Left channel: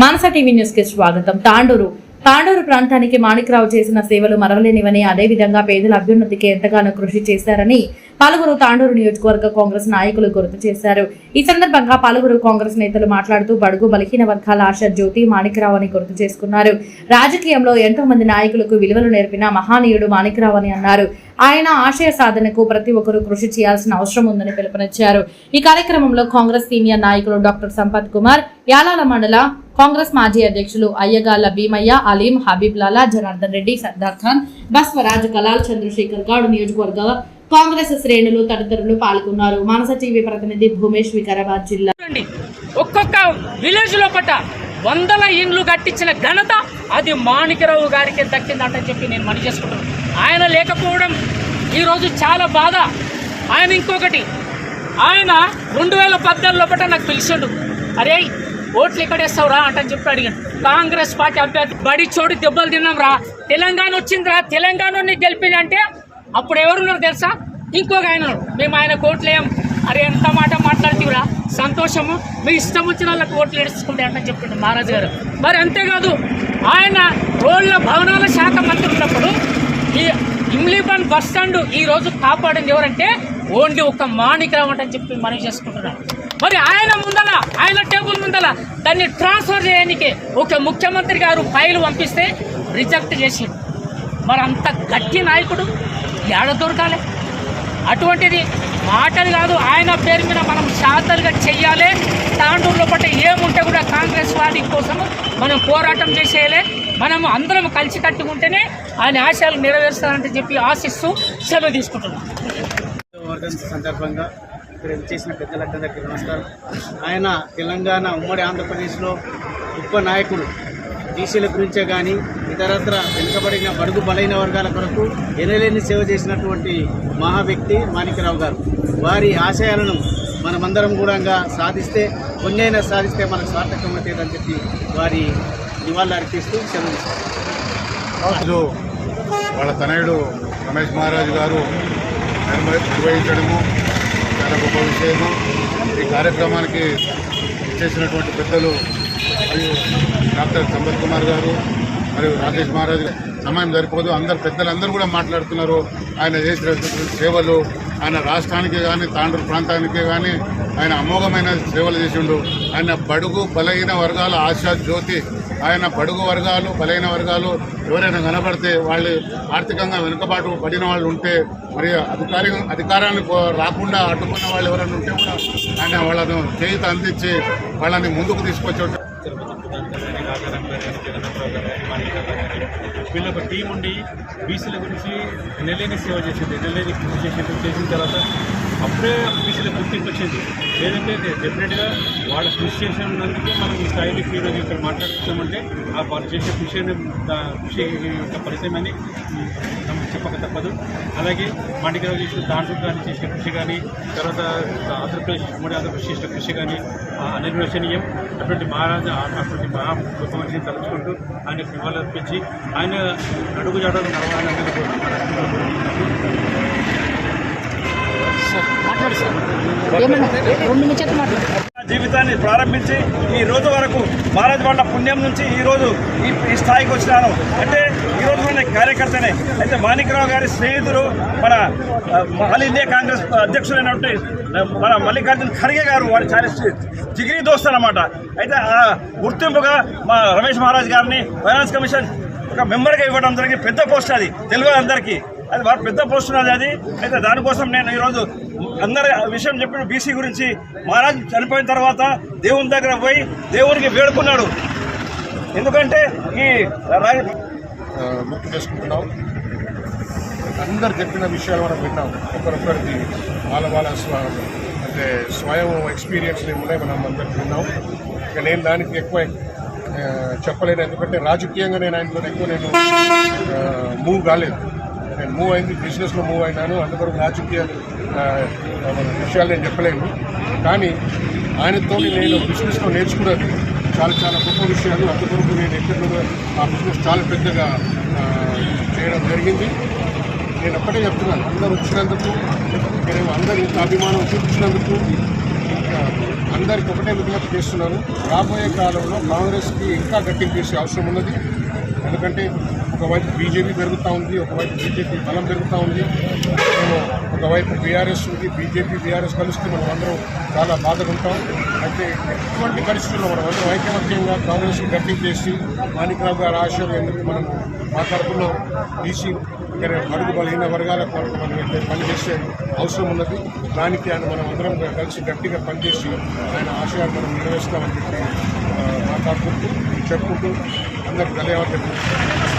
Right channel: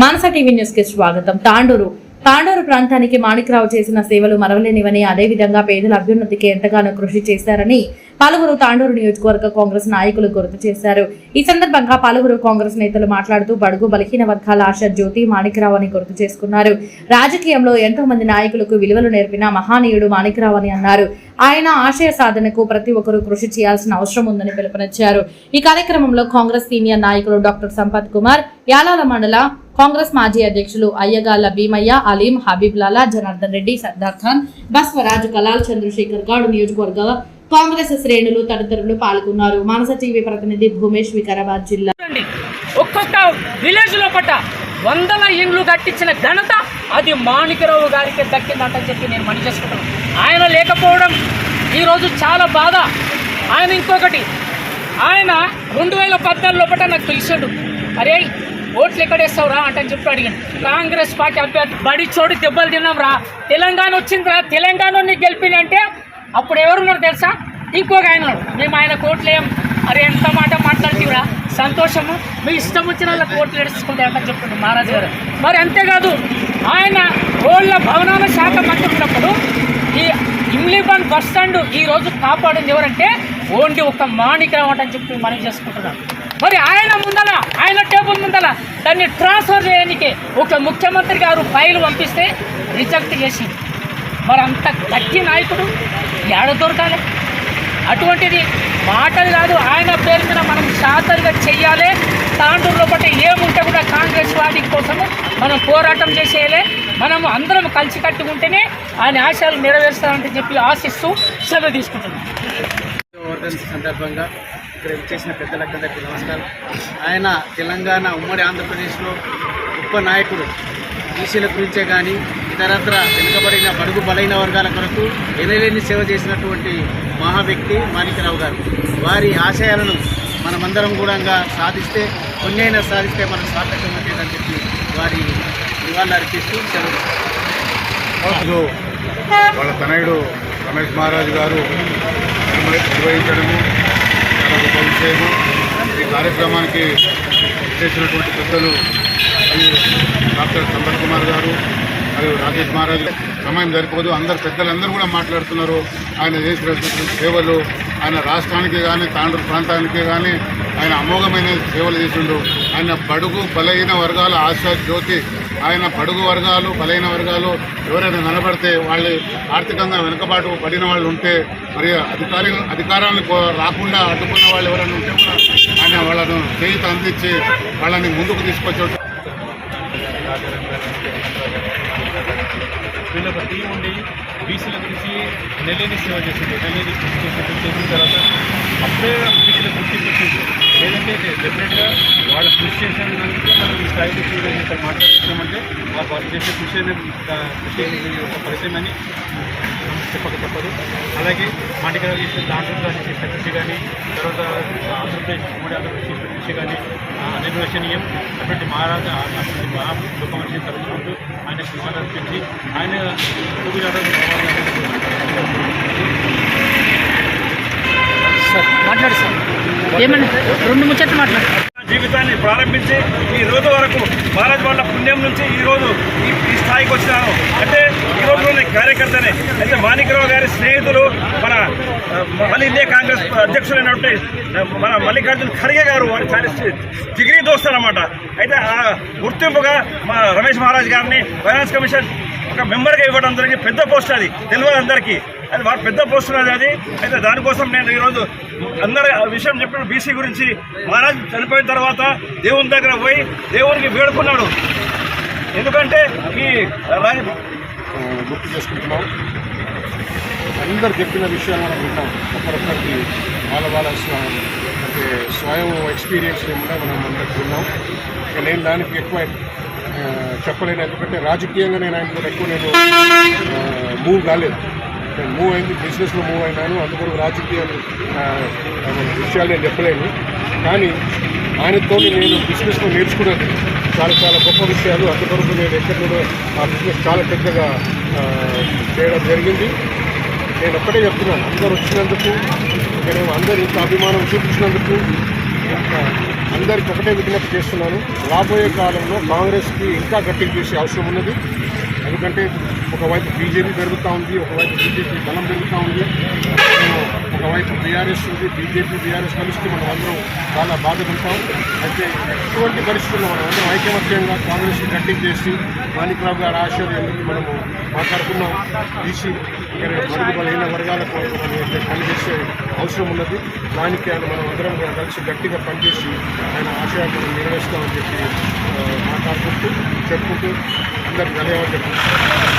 మానస TV న్యూస్కి స్వాగతం. తాండూరు. తాండూరు ప్రాంతానికి మాణిక్రావు చేసిన సేవలు మరవలేనివని అదేవిధంగా పేదల అభ్యున్నతికి ఎంతగానో కృషి చేశారని పలువురు తాండూరు నియోజకవర్గ కాంగ్రెస్ నాయకులు గుర్తు చేశారు. ఈ సందర్భంగా పలువురు కాంగ్రెస్ నేతలు మాట్లాడుతూ బడుగు బలహీన వర్గాల ఆశ జ్యోతి మాణిక్రావు అని గుర్తు చేసుకున్నారు. రాజకీయంలో ఎంతో మంది నాయకులకు విలువలు నేర్పిన మహానీయుడు మాణిక్రావు అని అన్నారు. ఆయన ఆశయ సాధనకు ప్రతి ఒక్కరూ కృషి చేయాల్సిన అవసరం ఉందని పిలుపునిచ్చారు. ఈ కార్యక్రమంలో కాంగ్రెస్ సీనియర్ నాయకులు డాక్టర్ సంపత్ కుమార్ యాలాల మండల కాంగ్రెస్ మాజీ అధ్యక్షులు అయ్యగాల భీమయ్య అలీం హబీబ్ లాలా జనార్దన్ రెడ్డి సర్దార్ ఖాన్ బస్వరాజ్ కలాల్ చంద్రశేఖర్ గౌడ్ నియోజకవర్గ కాంగ్రెస్ శ్రేణులు తదితరులు పాల్గొన్నారు. మానస టీవీ ప్రతినిధి భూమేష్ వికారాబాద్ జిల్లా. ఒక్కొక్క విలేజ్ లోపట వందల ఇండ్లు కట్టించిన ఘనత అది మాణికరావు గారికి దక్కిందంటని చెప్పి నేను మని చేసుకుంటాను. ఆయన లేకపోవడం ఈరోజు చాలా బాధ. ఆయన ఇంకొకటి ఆయన రెండు వేల పద్నాలుగు లోపల నాకు పిలిచాడు. అరే ఓట్లు ఎక్కడేస్తావు రా అంటని చెప్పి అడిగాను కాంగ్రెస్ పార్టీ అభ్యర్థి బడి చోటు దెబ్బలు తిన్నాం రా తెలంగాణ వచ్చిందిరా తెలంగాణ గెలిపిందంటే అప్పుడు ఎవరున్నారు తెలుసా? ఇంకొక ఆయన మేము ఆయన కోట్లు ఏం అరే ఎంత మాట మాట్లాడితేరా? సంతోషము. మీ ఇష్టం వచ్చిన వాళ్ళ కోట్లు ఎడుచుకుంటే అంట మహారాజు గారు. మరి అంతేకాదు ఆయన రోడ్ల భవనాల శాఖ మంత్రి ఉన్నప్పుడు ఈ ఇమ్లీబాన్ బస్ స్టాండ్ ఈ రోజు కాపాడింది ఎవరంటే ఓన్లీ ఒక మాణిక్రావు అని చెప్పి మనం చేసుకుంటున్నాం మరి ఆయన ముందల ఆయన టేబుల్ ముందల దాన్ని ట్రాన్స్ఫర్ చేయడానికి ఒక ముఖ్యమంత్రి గారు ఫైల్ పంపిస్తే రిజెక్ట్ చేసింది మరి అంత గట్టి నాయకుడు ఏడ దొరకాలి. అటువంటిది మాటలు కాదు ఆయన పేరు మీద మనం శాతలుగా చెయ్యాలి. తాండూరులో పట్ల ఏముంటే కూడా కాంగ్రెస్ పార్టీ కోసం మనం పోరాటం చేసేయాలి. మనం అందరం కలిసి కట్టుకుంటేనే ఆయన ఆశయాలు నెరవేరుస్తారంటే చెప్పి ఆశిస్తూ సెలవు తీసుకుంటున్నాం. సందర్భంగా ఇక్కడ చేసిన పెద్దలందరికీ నమస్కారం. ఆయన తెలంగాణ ఉమ్మడి ఆంధ్రప్రదేశ్లో గొప్ప నాయకుడు. బీసీల గురించే కానీ ఇతరత్ర వెనుకబడిన బడుగు బలైన వర్గాల కొరకు ఎనలేని సేవ చేసినటువంటి మహా వ్యక్తి మాణిక్యరావు గారు. వారి ఆశయాలను మనమందరం కూడా సాధిస్తే కొన్నైనా సాధిస్తే మనకు సార్థకం అవుతుందని చెప్పి వారి నివాళులు అర్పిస్తూ సెలవు వాళ్ళ తనయుడు రమేష్ మహారాజ్ గారు నిర్వహించడము గొప్ప విషయము. ఈ కార్యక్రమానికి చేసినటువంటి పెద్దలు మరియు డాక్టర్ సంపత్ కుమార్ గారు మరియు రాకేష్ మహారాజ్ సమయం సరిపోదు. అందరు పెద్దలందరూ కూడా మాట్లాడుతున్నారు. ఆయన చేసినటువంటి సేవలు ఆయన రాష్ట్రానికి కానీ తాండూరు ప్రాంతానికి కానీ ఆయన అమోఘమైన సేవలు చేసిండు. ఆయన బడుగు బలహీన వర్గాల ఆశా జ్యోతి ఆయన బడుగు వర్గాలు బలహీన వర్గాలు ఎవరైనా కనబడితే వాళ్ళు ఆర్థికంగా వెనుకబాటు పడిన వాళ్ళు ఉంటే మరి అధికారి అధికారాన్ని రాకుండా అడ్డుకున్న వాళ్ళు ఎవరైనా ఉంటే కూడా ఆయన వాళ్ళను చేయిత అందించి వాళ్ళని ముందుకు తీసుకొచ్చాడు వీళ్ళొక టీం ఉండి బీసీల గురించి నెల్లేని సేవ చేసింది నెల్లేని కృషి చేసిన తర్వాత అప్పుడే బీసీల గుర్తింపు వచ్చింది. లేదంటే డెఫినెట్గా వాళ్ళ కృషి చేసినందుకే మనం ఈ స్థాయిలో ఈరోజు ఇక్కడ మాట్లాడుతున్నామంటే ఆ వాళ్ళు చేసే కృషి అనేది కృషి యొక్క ఫలితం అని చెప్పక తప్పదు. అలాగే మాటిక చేసిన దాంట్లో కానీ చేసిన కృషి కానీ తర్వాత ఆంధ్రప్రదేశ్ ఉమ్మడి ఆంధ్రప్రదేశ్ చేసిన కృషి కానీ అనిర్వచనీయం. అటువంటి మహారాజా అటువంటి మహా గొప్ప మనిషిని తలుచుకుంటూ ఆయన సింహాలు అర్పించి ఆయన అడుగు జాడలు మాట్లాడు సార్. ఏమన్నా రెండు ముచ్చట్లు మాట్లాడు. జీవితాన్ని ప్రారంభించి ఈ రోజు వరకు భారత్ వాళ్ళ పుణ్యం నుంచి ఈ రోజు ఈ స్థాయికి వచ్చినాను. అంటే ఈ రోజు కార్యకర్తనే. అయితే మాణికరావు గారి స్నేహితులు మన ఆల్ ఇండియా కాంగ్రెస్ అధ్యక్షులైనటువంటి మన మల్లికార్జున ఖర్గే గారు వారి చాలా జిగిరి అయితే ఆ గుర్తింపుగా మా రమేష్ మహారాజ్ గారిని ఫైనాన్స్ కమిషన్ ఒక మెంబర్గా ఇవ్వడం జరిగింది. పెద్ద పోస్ట్ అది. తెలుగు అందరికీ. అది వారు పెద్ద పోస్ట్ ఉన్నది అది. అయితే దానికోసం నేను ఈరోజు అందరి విషయం చెప్పిన బీసీ గురించి మహారాజ్ చనిపోయిన తర్వాత దేవుని దగ్గర పోయి దేవునికి వేడుకున్నాడు. ఎందుకంటే ఈ గుర్తు చేసుకుంటున్నాం. అందరు చెప్పిన విషయాలు మనం విన్నాం. ఒకరొకరికి వాళ్ళ వాళ్ళ అంటే స్వయం ఎక్స్పీరియన్స్ని కూడా మనం అందరికి విన్నాం. నేను దానికి ఎక్కువ చెప్పలేను. ఎందుకంటే రాజకీయంగా నేను ఆయనతో ఎక్కువ నేను మూవ్ కాలేదు. నేను మూవ్ అయింది బిజినెస్లో మూవ్ అయినాను. అందుకొరకు రాజకీయాలు విషయాలు నేను చెప్పలేను. కానీ ఆయనతో నేను బిజినెస్లో నేర్చుకున్నది చాలా చాలా గొప్ప విషయాలు. అందుకొరకు నేను ఎక్కడి నుండి ఆ బిజినెస్ చాలా పెద్దగా చేయడం జరిగింది. నేను ఒక్కటే చెప్తున్నాను. అందరూ వచ్చినందుకు నేను అందరూ ఇంత అభిమానం చూపించినందుకు అందరికి ఒకటే విజ్ఞప్తి చేస్తున్నాను. రాబోయే కాలంలో కాంగ్రెస్కి ఇంకా గట్టిగా చేసే అవసరం ఉన్నది. ఎందుకంటే ఒకవైపు బీజేపీ పెరుగుతూ ఉంది ఒకవైపు బీజేపీ బలం పెరుగుతూ ఉంది. ఒకవైపు బీఆర్ఎస్ ఉంది బీజేపీ బీఆర్ఎస్ కలిస్తే మనం అందరం చాలా బాధపడతాం. అయితే ఇటువంటి పరిస్థితుల్లో మనం అందరం ఐకమత్యంగా కాంగ్రెస్ని గట్టిగా చేసి మాణిక్రావు గారు ఆశయాన్ని మనము మాట్లాడుకున్నాం బీసీ మరుగు బలహీన వర్గాలకు మనం పనిచేసే అవసరం ఉన్నది దానికి ఆయన మనం అందరం కలిసి గట్టిగా పనిచేసి ఆయన ఆశయాన్ని మనం నెరవేర్చుకోవాలని చెప్పి మాట్లాడుకుంటూ చెప్పుకుంటూ అందరికి ధన్యవాదాలు